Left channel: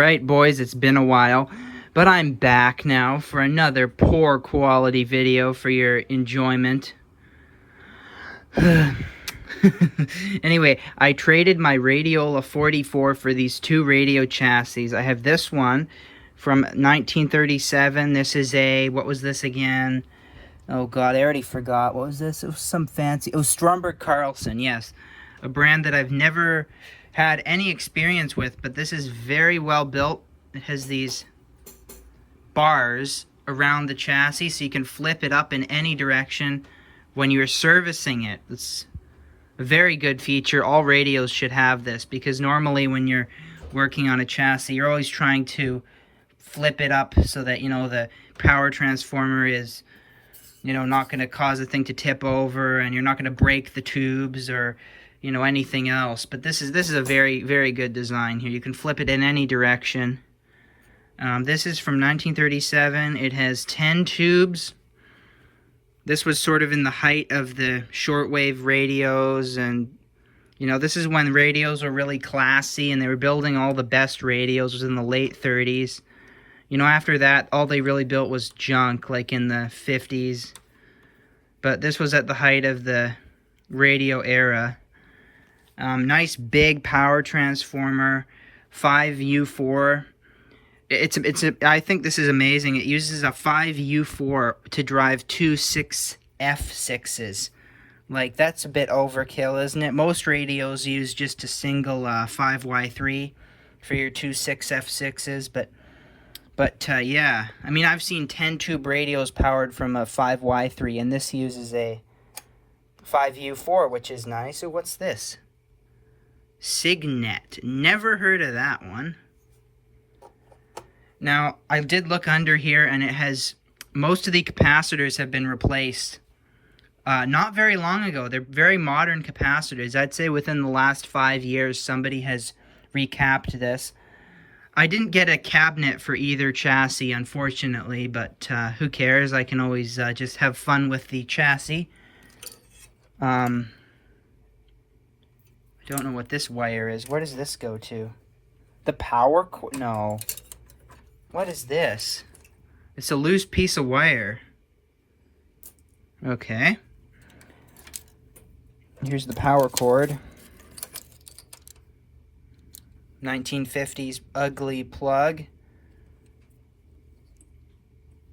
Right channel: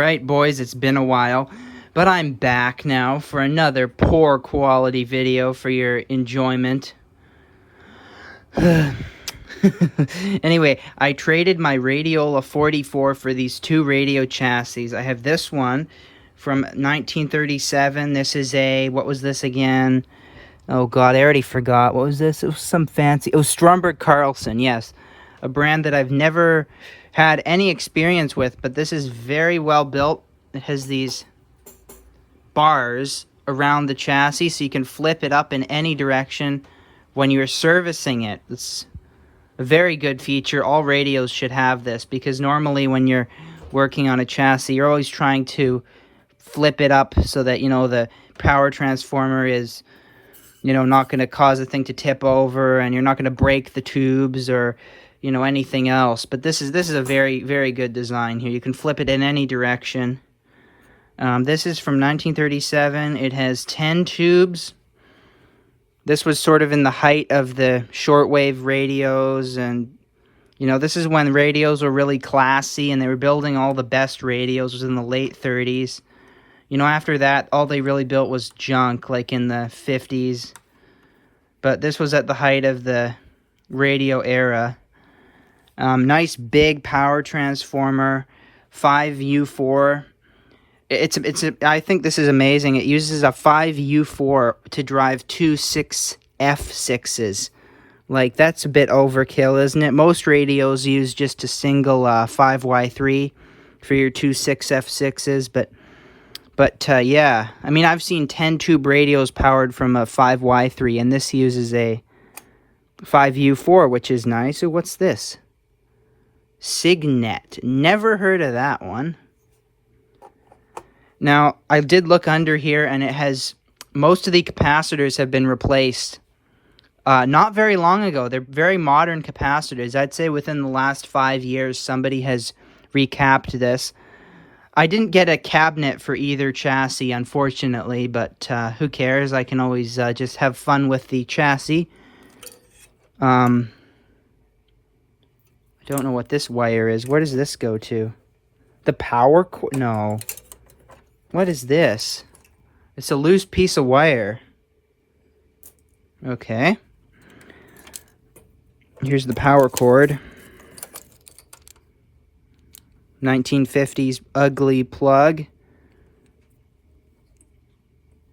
Alright boys, it's been a while, but I'm back now for another poor quality video for your enjoyment. Anyway, I traded my Radiola 44 for these two radio chassis. I have this one from 1937. This is a, what was this again? Oh god, I already forgot. What was this? It was some fancy, it was Stromberg Carlson, yes. A brand that I've never had any experience with, but this is very well built. It has these bars around the chassis so you can flip it up in any direction when you're servicing it. It's a very good feature. All radios should have this, because normally when you're working on a chassis, you're always trying to flip it up so that, you know, the power transformer is, you know, not going to cause the thing to tip over, and you're not going to break the tubes or, you know, anything else. But this is a very, very good design here. You can flip it in any direction. This is from 1937. It has 10 tubes. This was sort of in the height of the shortwave radios, and, you know, this is when radios were really classy, and they were building all the best radios. It was in the late 30s. You know, after that, all they really built was junk, like in the 50s. But this was at the height of the radio era. Nice big power transformer, 5U4. I think this is amazing. It uses a 5U4 to drive two 6F6s. Like, that's a bit overkill, isn't it? Most radios use just a single 5Y3 for your two 6F6s, but yeah. I mean, I've seen 10-tube radios powered from a 5Y3, and this uses a 5U4, which is nice. So what's this? Signet. Never heard of that one. Now, I did look under here, and it has, most of the capacitors have been replaced not very long ago. They're very modern capacitors. I'd say within the last 5 years, somebody has recapped this. I didn't get a cabinet for either chassis, unfortunately, but who cares? I can always just have fun with the chassis. I don't know what this wire is. Where does this go to? The power cord? No. What is this? It's a loose piece of wire. Okay. Here's the power cord. 1950s ugly plug.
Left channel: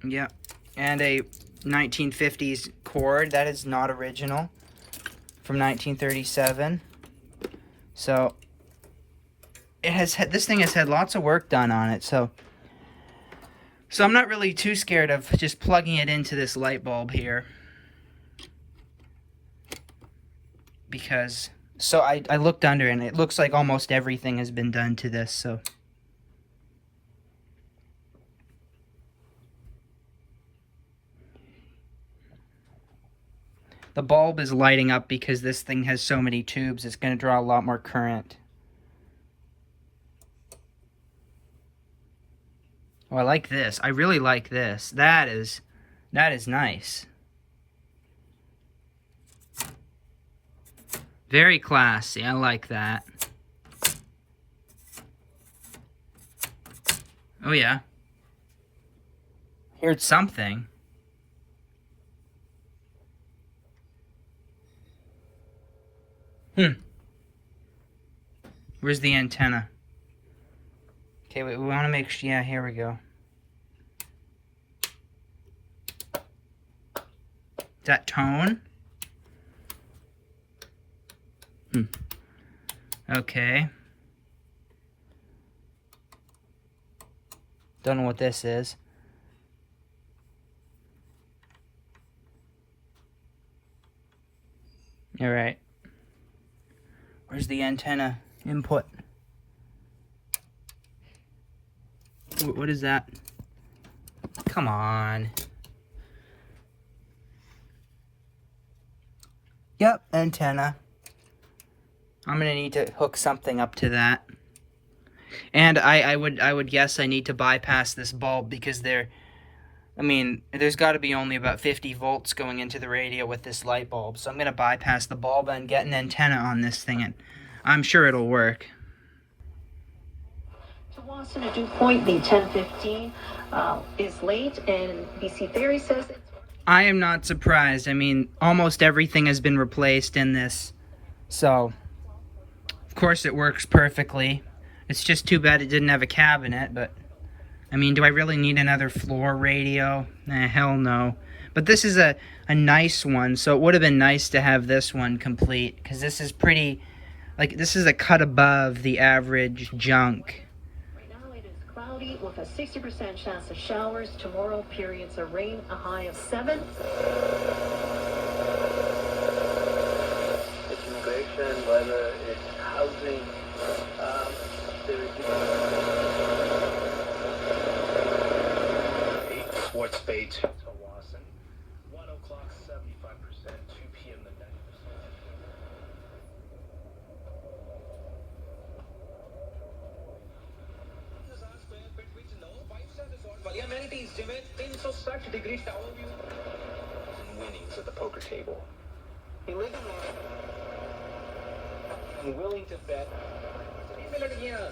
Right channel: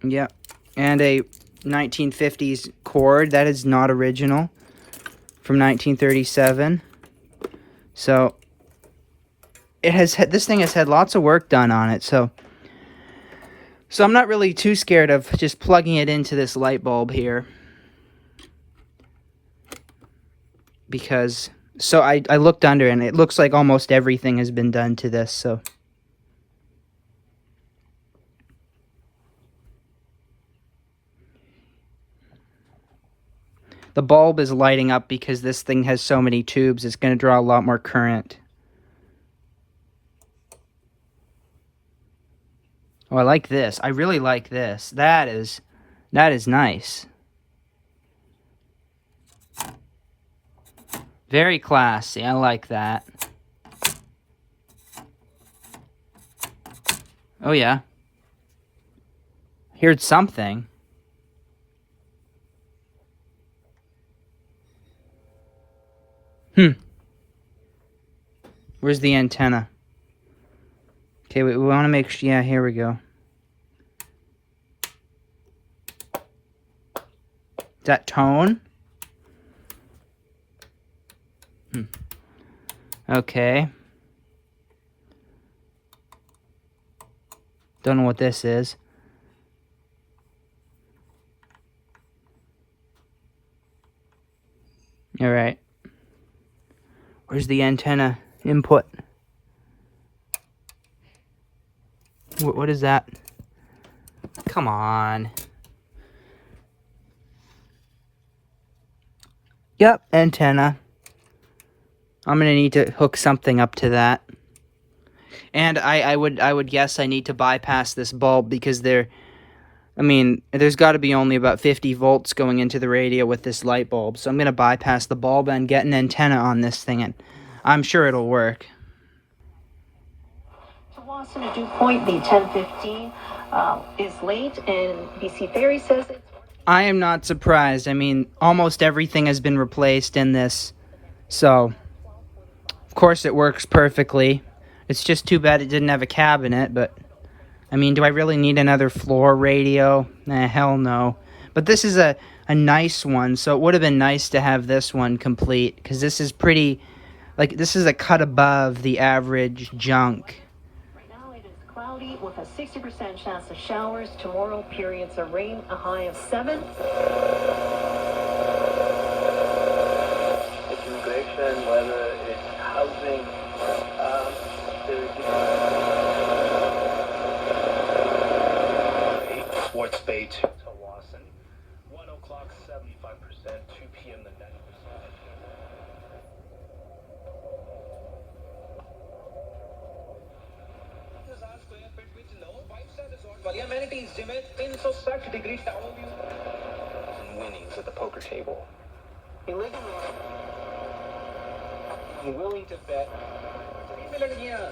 Yep. And a 1950s cord. That is not original. From 1937. So it has, this thing has had lots of work done on it, so I'm not really too scared of just plugging it into this light bulb here, because so I looked under, and it looks like almost everything has been done to this. So the bulb is lighting up because this thing has so many tubes. It's going to draw a lot more current. Oh, I like this. I really like this. That is nice. Very classy. I like that. Oh yeah. Here's something. Where's the antenna? Okay, we want to make sure. Yeah, here we go. Is that tone? Okay. Don't know what this is. All right. Where's the antenna input? What is that? Come on. Yep, antenna. I'm gonna need to hook something up to that. And I would guess I need to bypass this bulb, because I mean, there's got to be only about 50 volts going into the radio with this light bulb. So I'm going to bypass the bulb and get an antenna on this thing, and I'm sure it'll work. Boston to Dew Point, the 10:15 is late, and BC Ferry says it's... I am not surprised. I mean, almost everything has been replaced in this, so of course it works perfectly. It's just too bad it didn't have a cabinet, but I mean, do I really need another floor radio? Hell no. But this is a nice one, so it would have been nice to have this one complete, because this is pretty, like, this is a cut above the average junk. Right now it is cloudy with a 60% chance of showers. Tomorrow, periods of rain, a high of 7. It's immigration, weather, it's housing, Sports Bay to Lawson. 1 o'clock, 75%. 2 p.m. the 90%. Amenities, gym in so such degrees to all of you. And winnings at the poker table. Illegal. Willing to bet.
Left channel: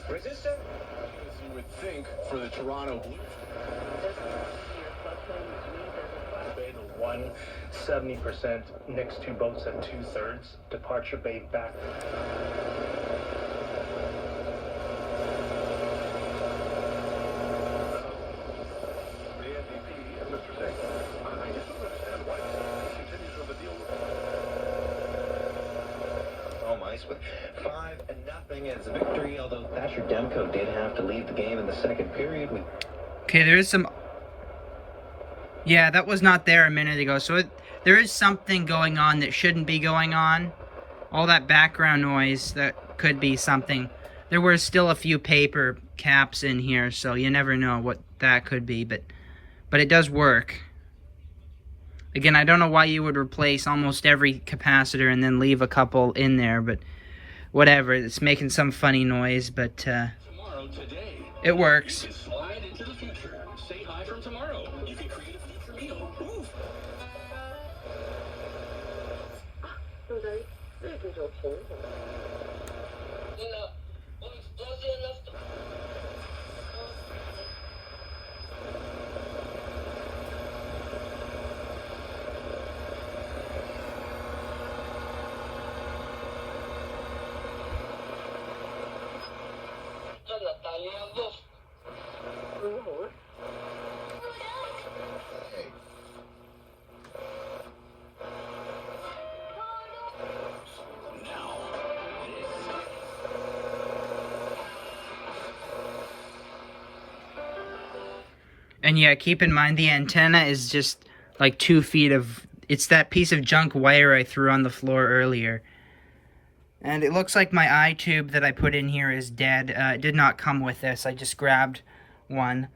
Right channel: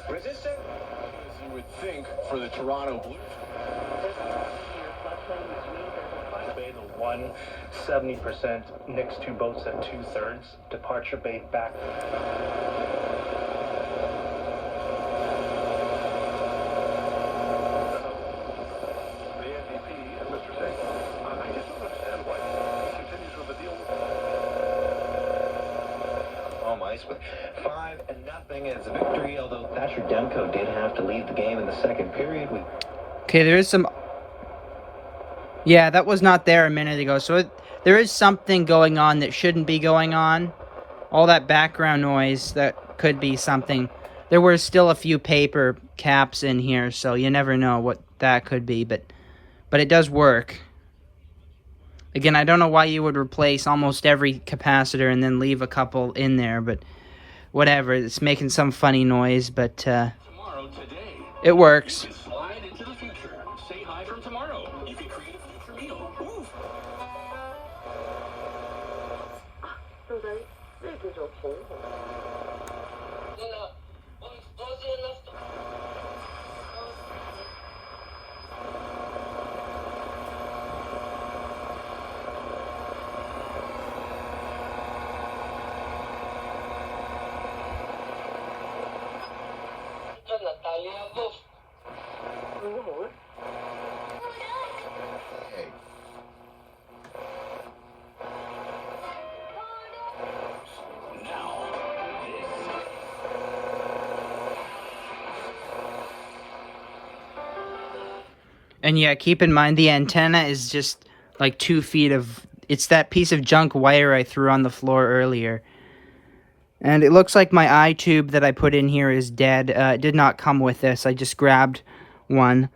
Resistant? As you would think for the Toronto Blues. Bay to 1, 70%. Next two boats at 2/3. Departure Bay back. With 5-0 as a victory, although Thatcher Demko did have to leave the game in the second period. Okay, there is some... Yeah, that was not there a minute ago, so there is something going on that shouldn't be going on. All that background noise, that could be something. There were still a few paper caps in here, so you never know what that could be, but it does work. Again, I don't know why you would replace almost every capacitor and then leave a couple in there, but whatever. It's making some funny noise, but it works. Slide into the future. Say hi from tomorrow. You can create a future meal. Move. And yeah, keep in mind the antenna is just like 2 feet of... It's that piece of junk wire I threw on the floor earlier. And it looks like my eye tube that I put in here is dead. It did not come with this. I just grabbed one.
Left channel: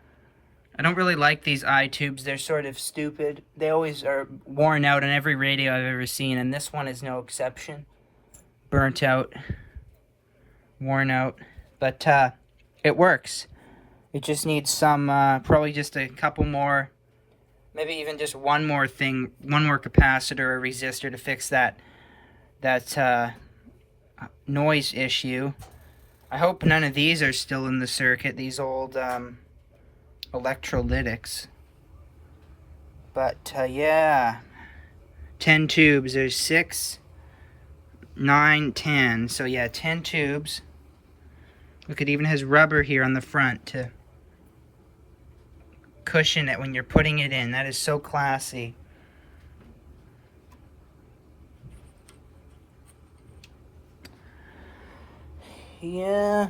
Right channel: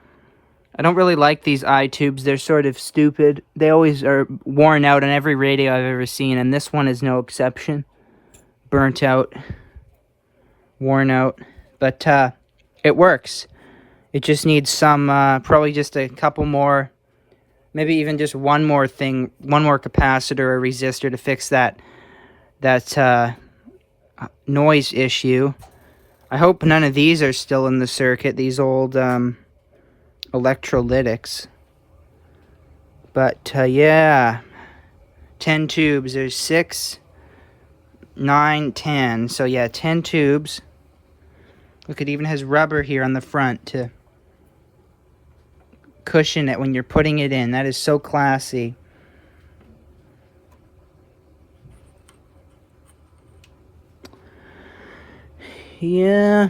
I don't really like these eye tubes. They're sort of stupid. They always are worn out on every radio I've ever seen, and this one is no exception. Burnt out. Worn out. But it works. It just needs some, probably just a couple more, maybe even just one more thing, one more capacitor or resistor to fix that noise issue. I hope none of these are still in the circuit, these old electrolytics. But yeah, 10 tubes. There's 6, 9, 10. So yeah, 10 tubes. Look, it even has rubber here on the front to cushion it when you're putting it in. That is so classy. Yeah,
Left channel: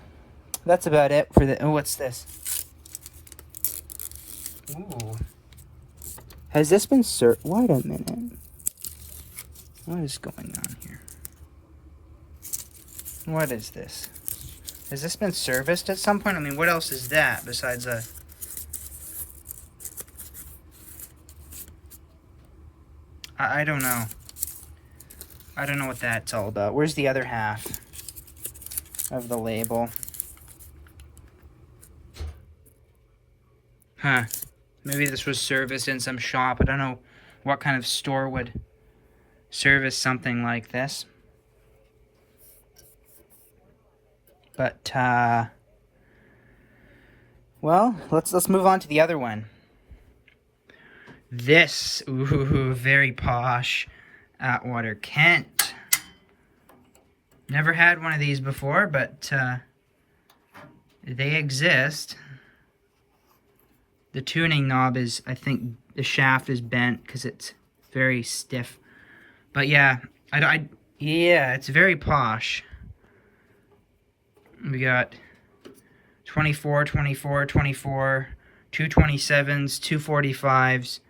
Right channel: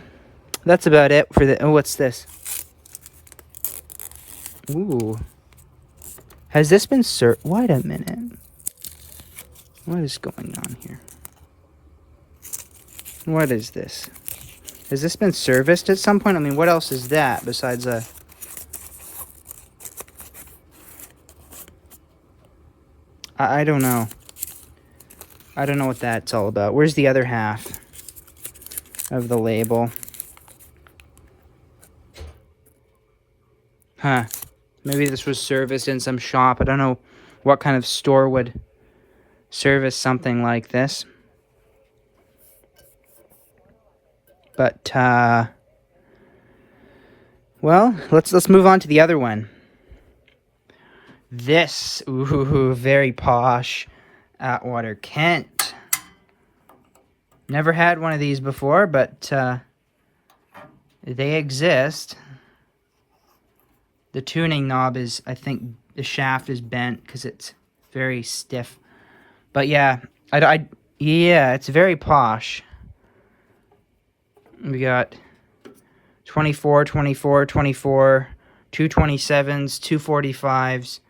that's about it for the... Oh, what's this? Ooh. Has this been wait a minute. What is going on here? What is this? Has this been serviced at some point? I mean, what else is that besides a... I don't know. I don't know what that's all about. Where's the other half of the label? Huh. Maybe this was serviced in some shop. I don't know what kind of store would service something like this. But, Well, let's move on to the other one. This, ooh, very posh Atwater Kent. Never had one of these before, but they exist. The tuning knob is, I think, the shaft is bent because it's very stiff. But yeah, yeah, it's very posh. We got 24, 24, 24, 227s, 245s,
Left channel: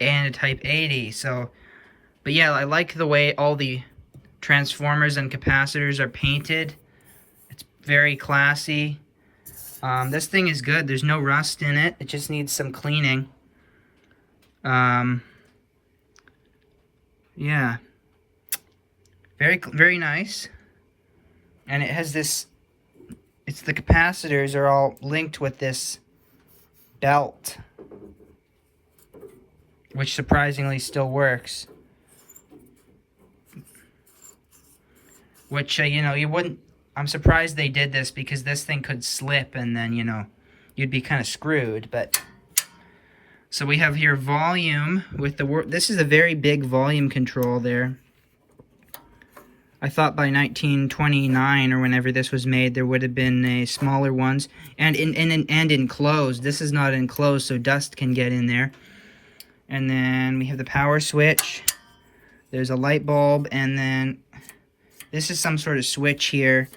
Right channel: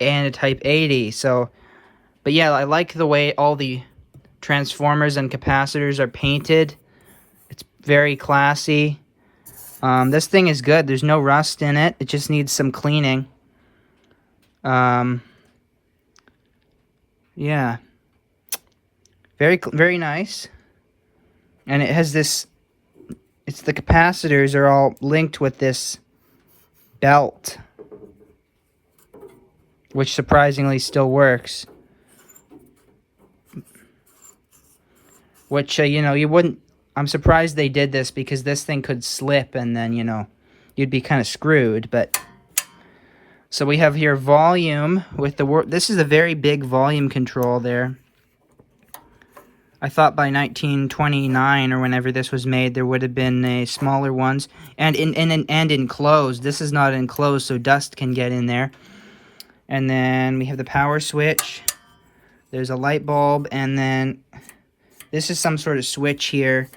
and a Type 80. So, but yeah, I like the way all the transformers and capacitors are painted. It's very classy. This thing is good. There's no rust in it. It just needs some cleaning. Yeah. Very nice. And it has this, it's the capacitors are all linked with this belt, which surprisingly still works. Which, you know, you wouldn't, I'm surprised they did this because this thing could slip and then, you know, you'd be kind of screwed. But, so we have here volume with the, this is a very big volume control there. I thought by 1929 or whenever this was made, there would have been smaller ones. And enclosed. This is not enclosed, so dust can get in there. And then we have the power switch. There's a light bulb, and then this is some sort of switch here,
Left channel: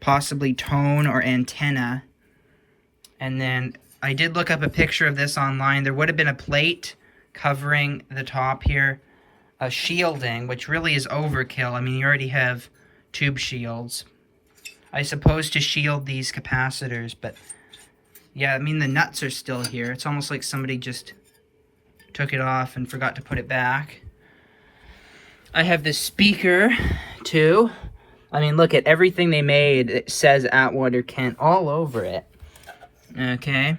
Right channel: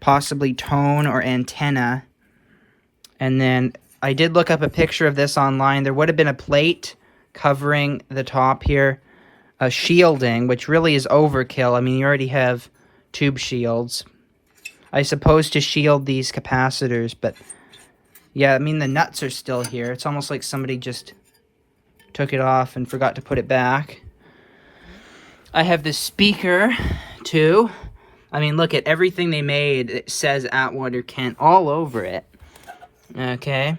possibly tone or antenna. And then I did look up a picture of this online. There would have been a plate covering the top here, a shielding, which really is overkill. I mean, you already have tube shields, I suppose, to shield these capacitors. But yeah, I mean, the nuts are still here. It's almost like somebody just took it off and forgot to put it back. I have the speaker too. I mean, look at everything they made. It says Atwater Kent all over it. Okay,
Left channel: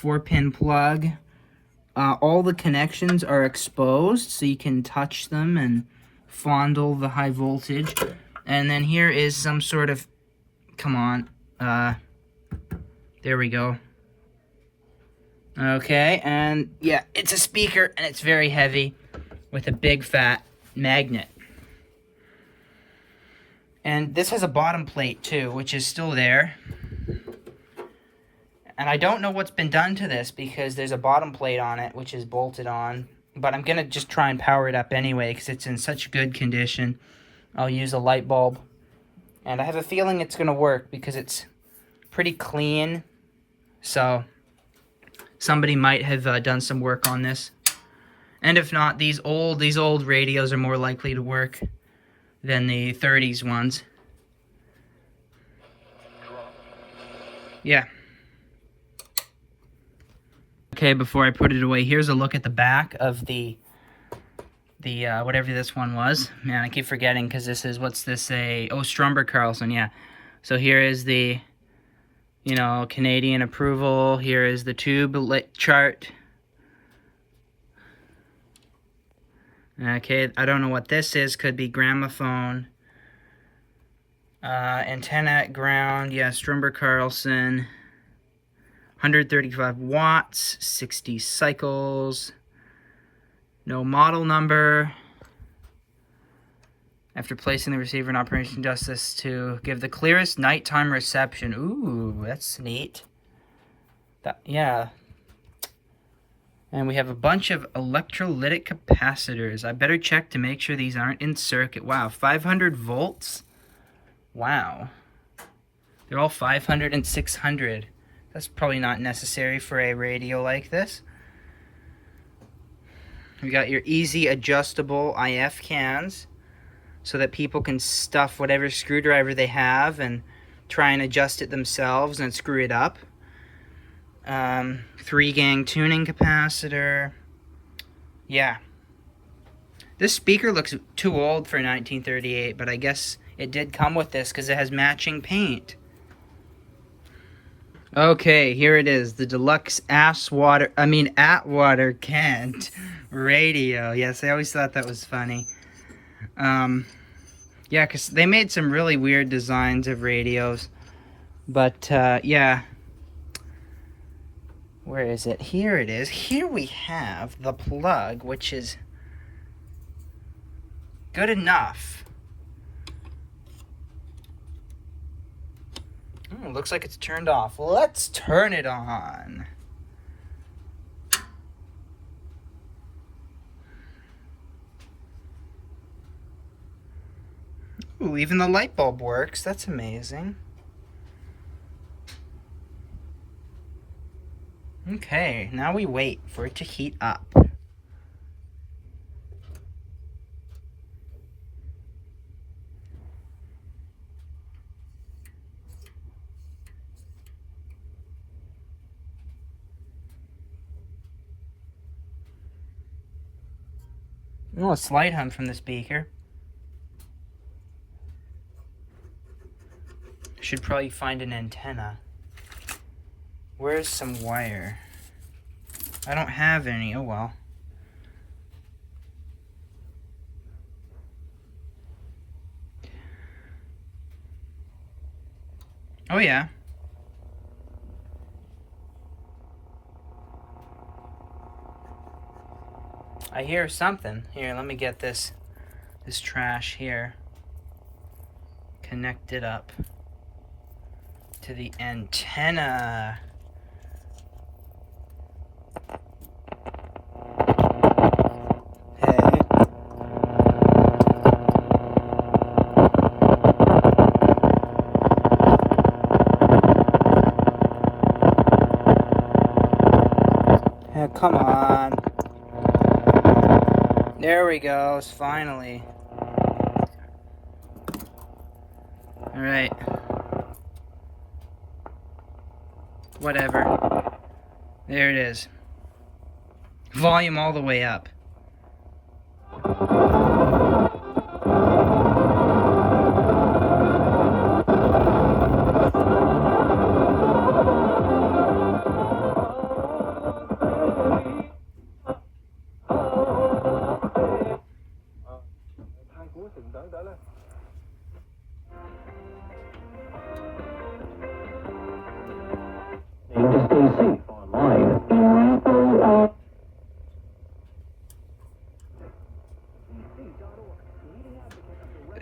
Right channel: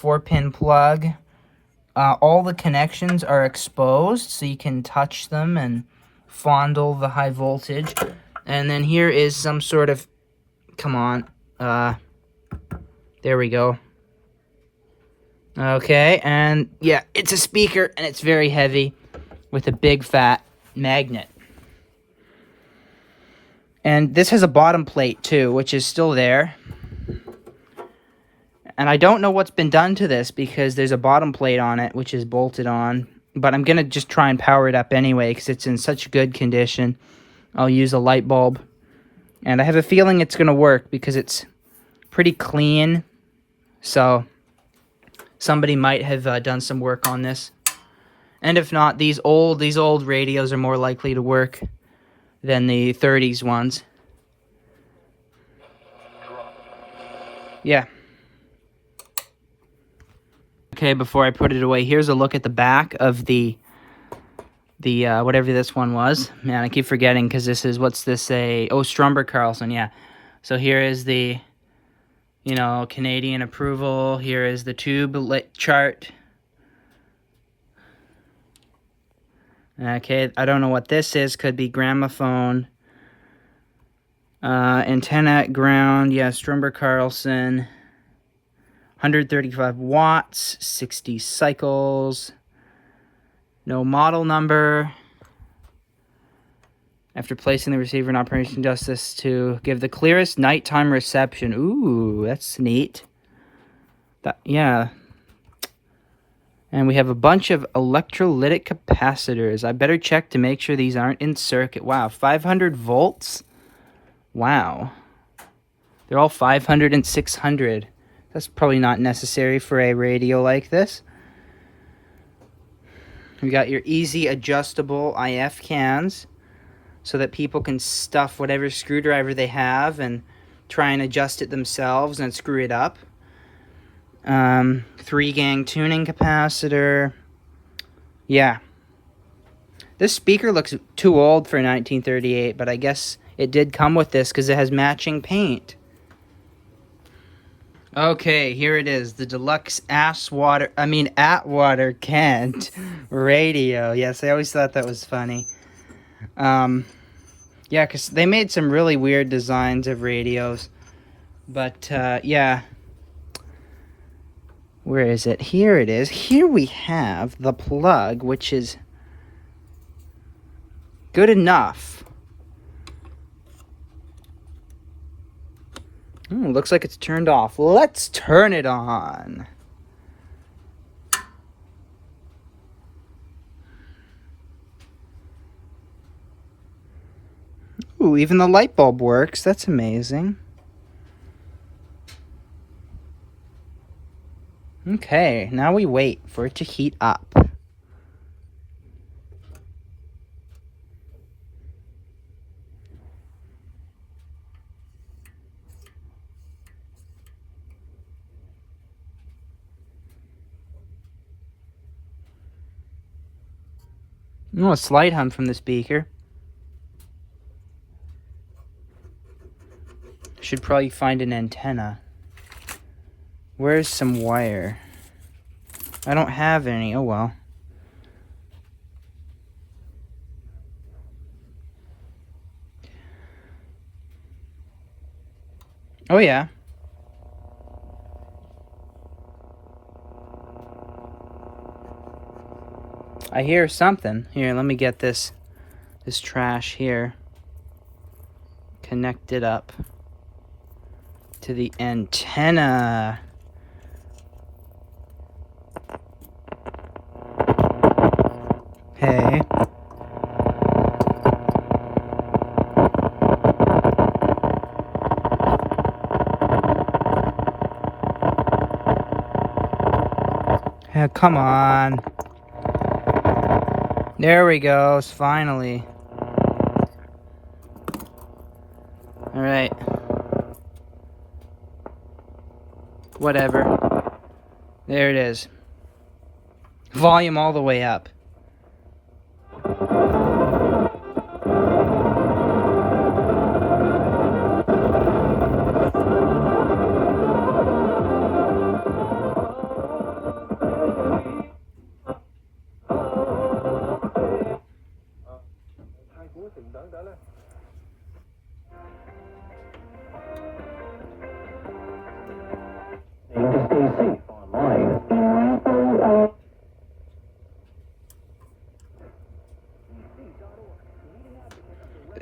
4-pin plug. All the connections are exposed, so you can touch them and fondle the high voltage. And then here is some sort of, come on, there we go. Okay, and yeah, it's a speaker, and it's very heavy with a big fat magnet. And this has a bottom plate too, which is still there. And I don't know what's been done to this because there's a bottom plate on it, which is bolted on. But I'm going to just try and power it up anyway because it's in such good condition. I'll use a light bulb. And I have a feeling it's going to work because it's pretty clean. So somebody might have done some work on this. And if not, these old radios are more likely to work than the 30s ones. Yeah. Okay, before I put it away, here's a look at the back of the whatever this one was. Man, I keep forgetting because this is, what's this say? Oh, Stromberg Carlson, yeah. So here is the, you know, Canadian approval. Here is the tube lit chart. Okay, I don't know what this is. Could be gramophone. Antenna, ground, yeah, Stromberg Carlson. 135 watts, 60 cycles. No model number. After placing the receiver in operation, justice to give the clearest nighttime reception. Ooh, that's neat. Yeah. And we have a bunch of electrolytic capacitors. I better check to make sure these aren't in circuit. Wow, 500 volts? Wow. They're all 500 and 600. That's probably not necessary for a radio like this. We got your easy adjustable IF cans so that people can stuff whatever screwdriver they have and try and adjust it themselves and screw it up. 3-gang tuning capacitor. Yeah. This speaker looks too old for 1938, but I guess it did come with this because it has matching paint. Okay, here it is, the deluxe Atwater Kent radio. Yes, I always thought that was funny. Yeah, because they made some really weird designs of radios. But, yeah. Where is it? Here it is. Here we have the plug, which is good enough. Looks like it's turned off. Let's turn it on. Ooh, even the light bulb works. That's amazing. Okay, now we wait for it to heat up. Oh, a slight hum from the speaker. Should probably find an antenna. Where's some wire? I don't have any. Oh well. Oh yeah. I hear something. Here, let me get this trash here connected up to the antenna. Okay. Yeah, come on. There we go, finally. All right. Whatever. There it is. Volume all the way up.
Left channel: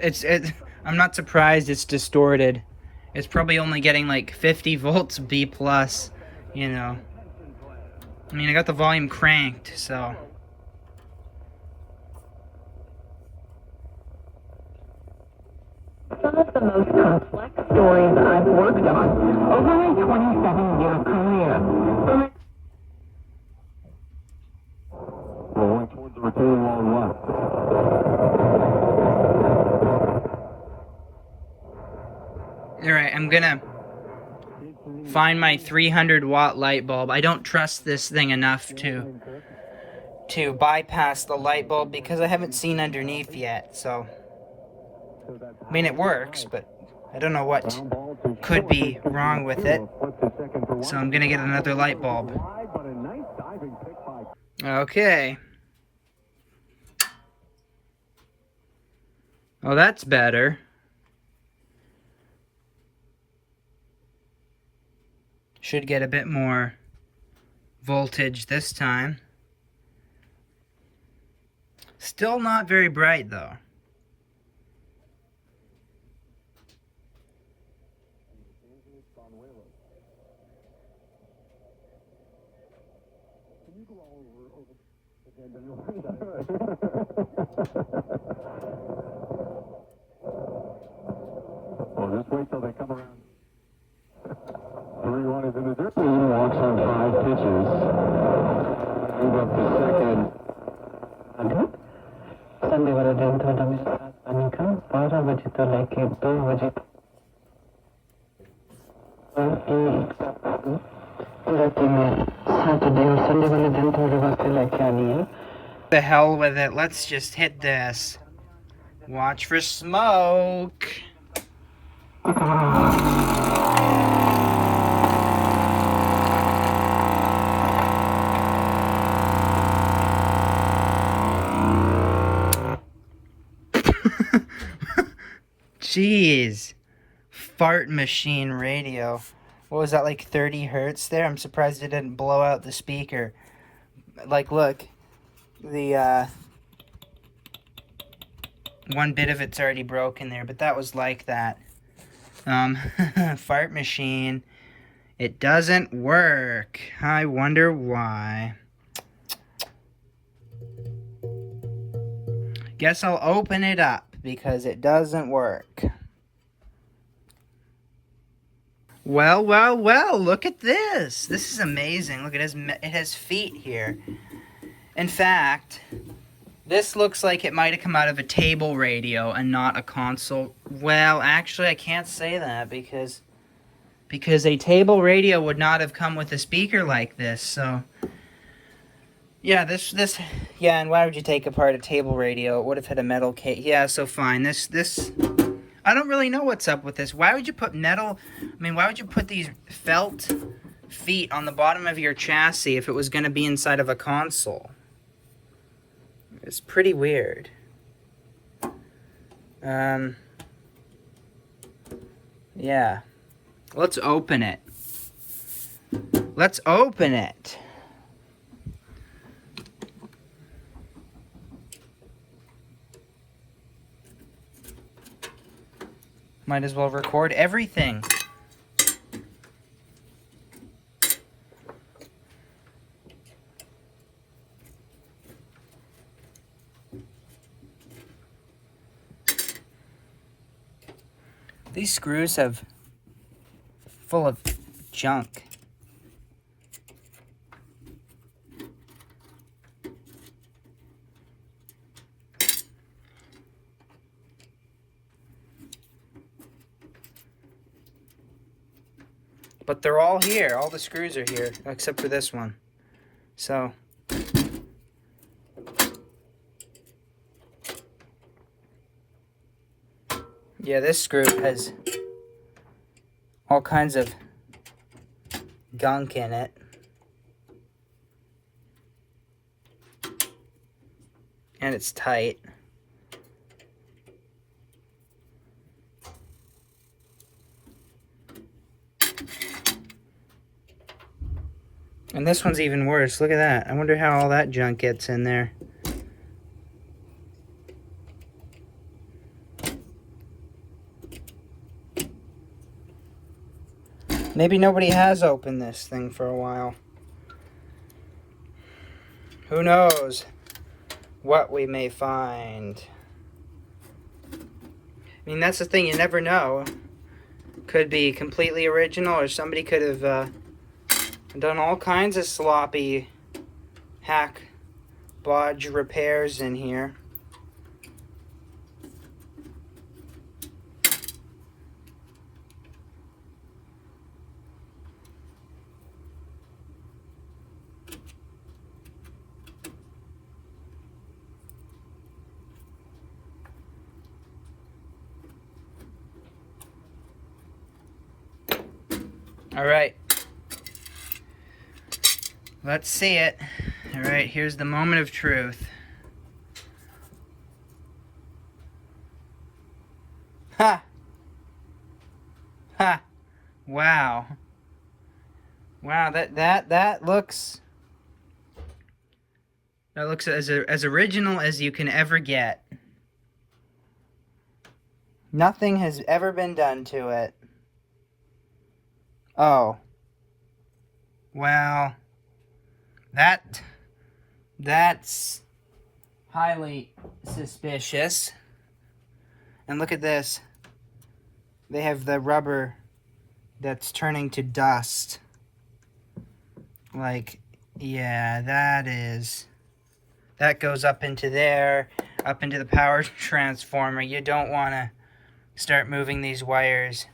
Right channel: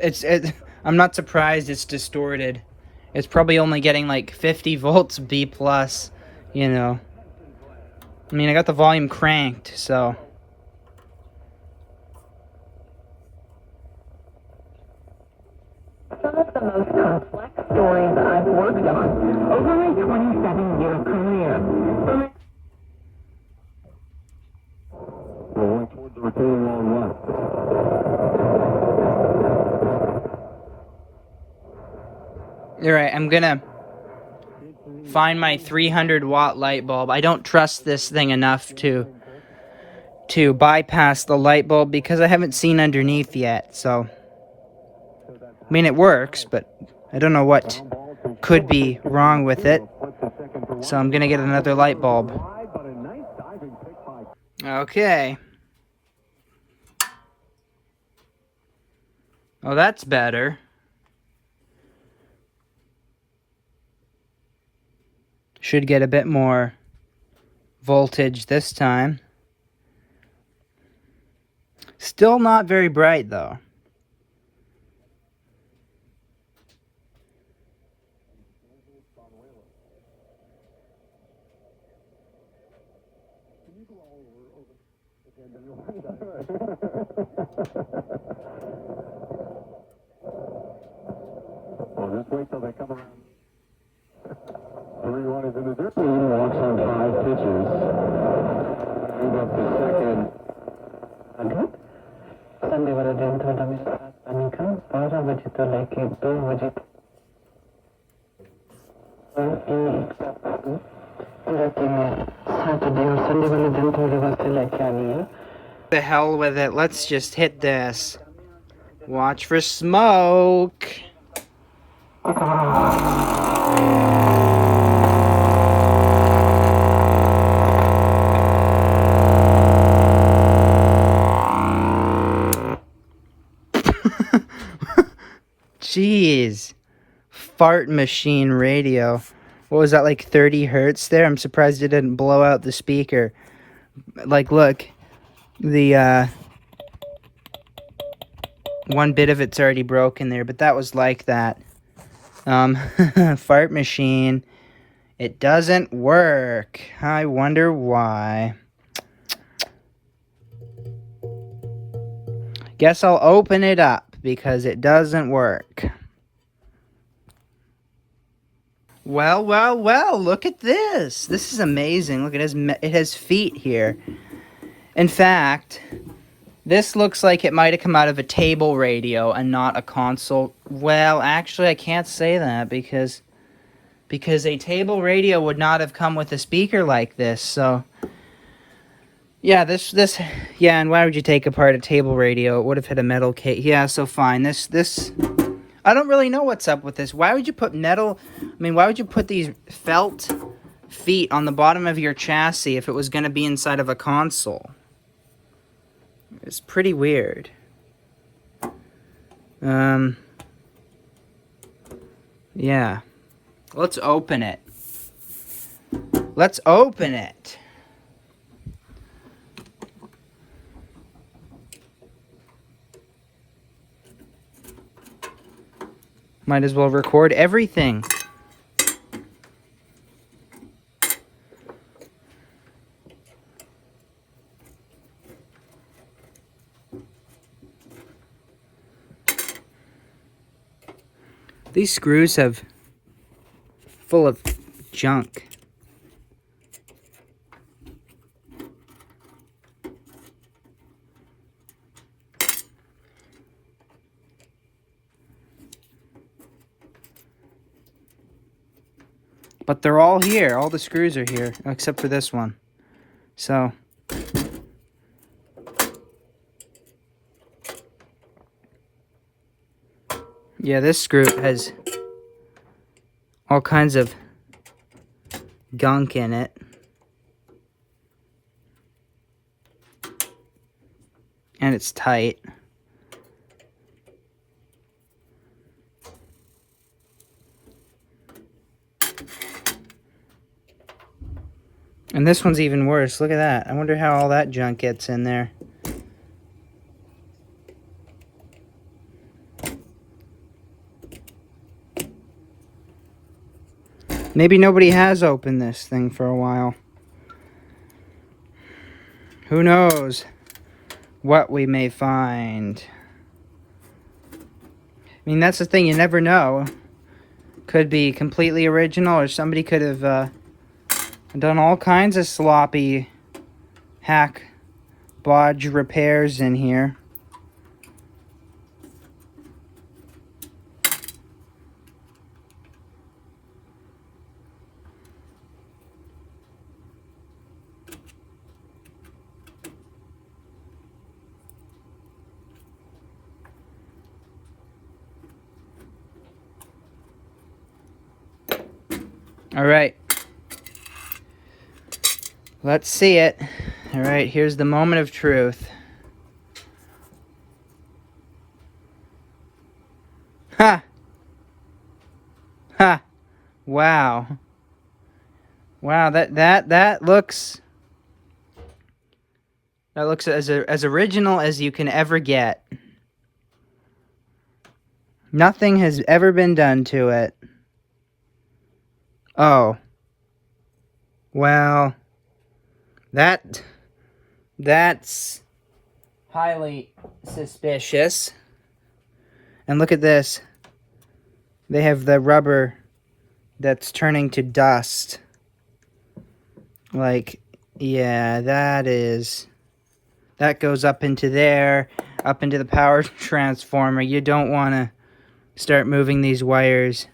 It's I'm not surprised it's distorted. It's probably only getting like 50 volts B plus, you know. I mean, I got the volume cranked, so. Some of the most complex stories I've worked on over my 27-year career. We're going towards the retaining wall left. Alright, I'm gonna find my 300 watt light bulb. I don't trust this thing enough to bypass the light bulb because I haven't seen underneath yet, so. I mean, it works, but I don't know what could be wrong with it. So I'm gonna get another light bulb. Okay. Oh, that's better. Should get a bit more voltage this time. Still not very bright, though. Well, just wait till they come around. 3-1 is in the dirt. Walks on 5 pitches. Move up to second. संध्यावाला दिन था जब मेरे साथ पानी का 12 बजे तो लेके 2 बजे Saturday और Sunday वाले दिन थोड़े वक्त लेके आनी है. The hell with it. Let's just hit this. Watch for smoke. Jeez. Fart machine radio. what was that, like 30 hertz there? I'm surprised it didn't blow out the speaker. Like, look, the one bit of it's already broken there, but that was like that. Fart machine. It doesn't work. I wonder why. Guess I'll open it up because it doesn't work. Well, well, well, look at this. This is amazing. Look, it has feet here. In fact, this looks like it might have come out of a table radio and not a console. Well, actually, I can't say that because a table radio would not have come with a speaker like this. So, yeah, yeah, and why would you take apart a table radio? It would have hit a metal case. Yeah, so fine. This, I don't really know what's up with this. Why would you put why would you put these felt feet on the bottom of your chassis if it was going to be inside of a console? It's pretty weird. Yeah. Let's open it. Let's open it. Might as well record everything. These screws have full of junk. But they're all here. All the screws are here, except for this one. So, yeah, this screw has all kinds of gunk in it. And it's tight. And this one's even worse. Look at that. I wonder how all that junk gets in there. Maybe nobody has opened this thing for a while. Who knows what we may find. I mean, that's the thing. You never know. Could be completely original, or somebody could have done all kinds of sloppy hack bodge repairs in here. All right. Let's see it. All right, here's the moment of truth. Ha! Ha! Wow. Wow, that looks as original as you can ever get. Nothing has ever been done to it. Oh. Well, that's highly suspicious. And look at this. They have the rubber that's turning to dust. Like, yeah, that goes up into there, up into the power transformer. You don't want to start moving these wires.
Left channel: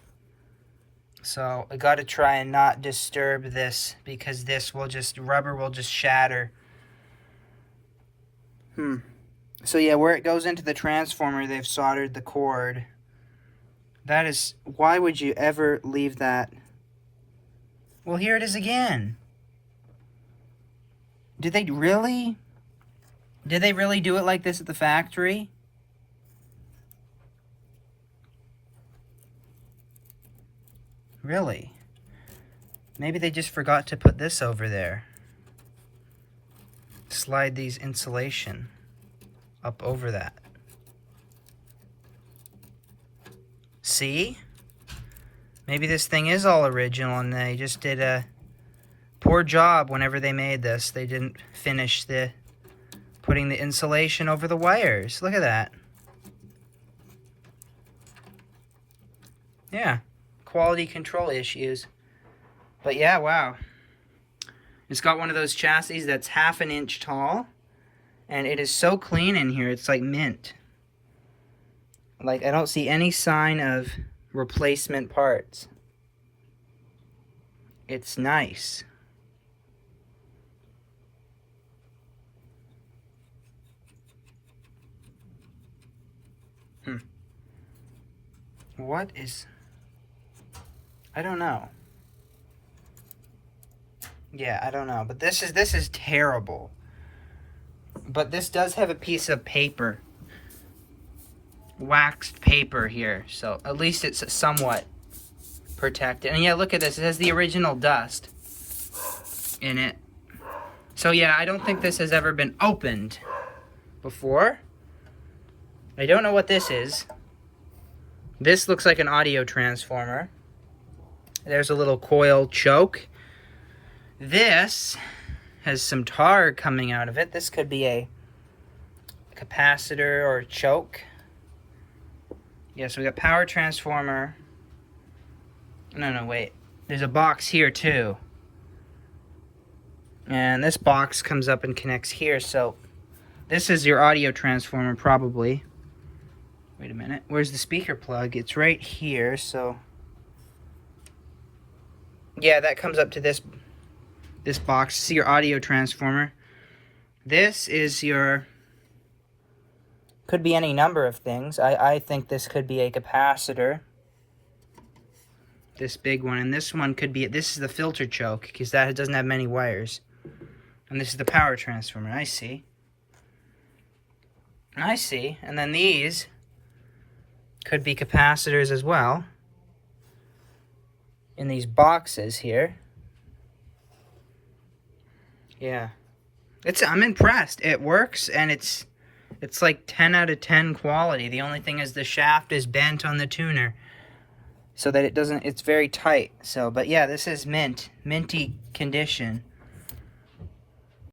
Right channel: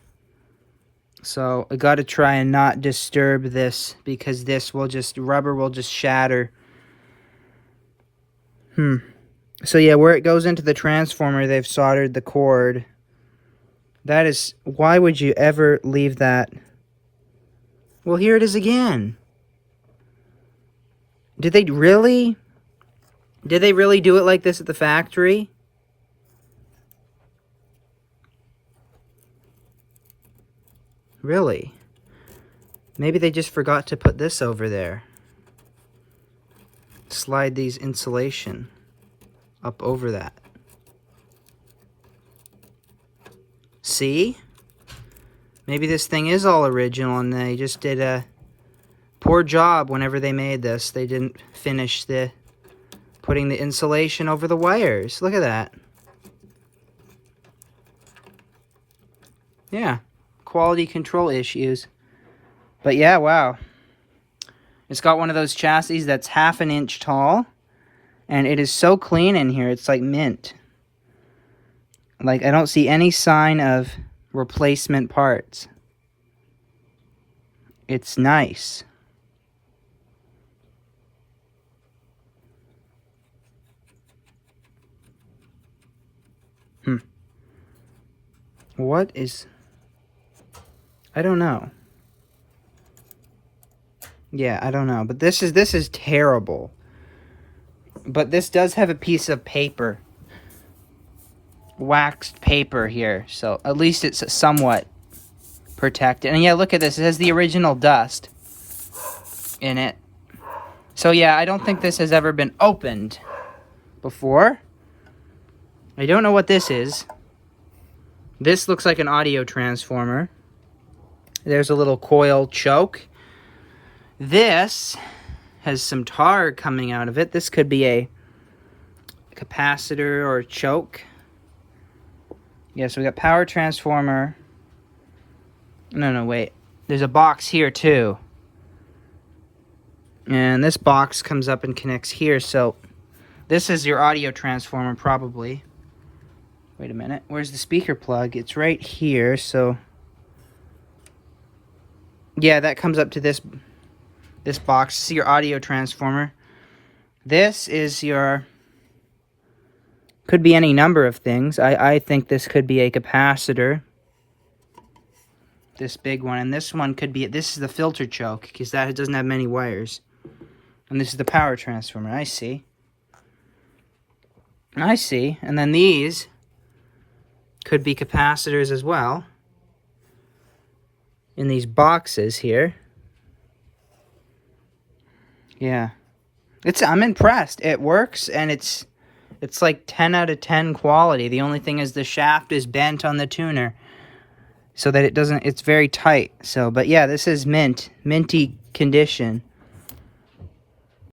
So I got to try and not disturb this, because rubber will just shatter. So yeah, where it goes into the transformer, they've soldered the cord. That is, why would you ever leave that? Well, here it is again. Did they really do it like this at the factory? Really? Maybe they just forgot to put this over there. Slide these insulation up over that. See? Maybe this thing is all original and they just did a poor job whenever they made this. They didn't finish putting the insulation over the wires. Look at that. Yeah, quality control issues. But yeah, wow. It's got one of those chassis that's 1/2 an inch tall. And it is so clean in here, it's like mint. Like, I don't see any sign of replacement parts. It's nice. What is... I don't know. Yeah, I don't know. But this is terrible. But this does have a piece of paper. Waxed paper here. So at least it's somewhat protected. And yeah, look at this. It has the original dust in it. So yeah, I don't think this has ever been opened before. I don't know what this is. This looks like an audio transformer. There's a little coil choke. This has some tar coming out of it. This could be a capacitor or a choke. Yeah, so we got power transformer. No, wait. There's a box here too. And this box comes up and connects here, so this is your audio transformer probably. Wait a minute. Where's the speaker plug? It's right here, so... Yeah, that comes up to this box. This is your audio transformer. This is your... Could be any number of things. I think this could be a capacitor. This big one. And this one could be... This is the filter choke, because that doesn't have many wires. And this is the power transformer. I see. I see. And then these... could be capacitors as well. In these boxes here. Yeah. I'm impressed. It works and it's like 10 out of 10 quality. The only thing is the shaft is bent on the tuner. So that it's very tight. So, but yeah, this is minty condition.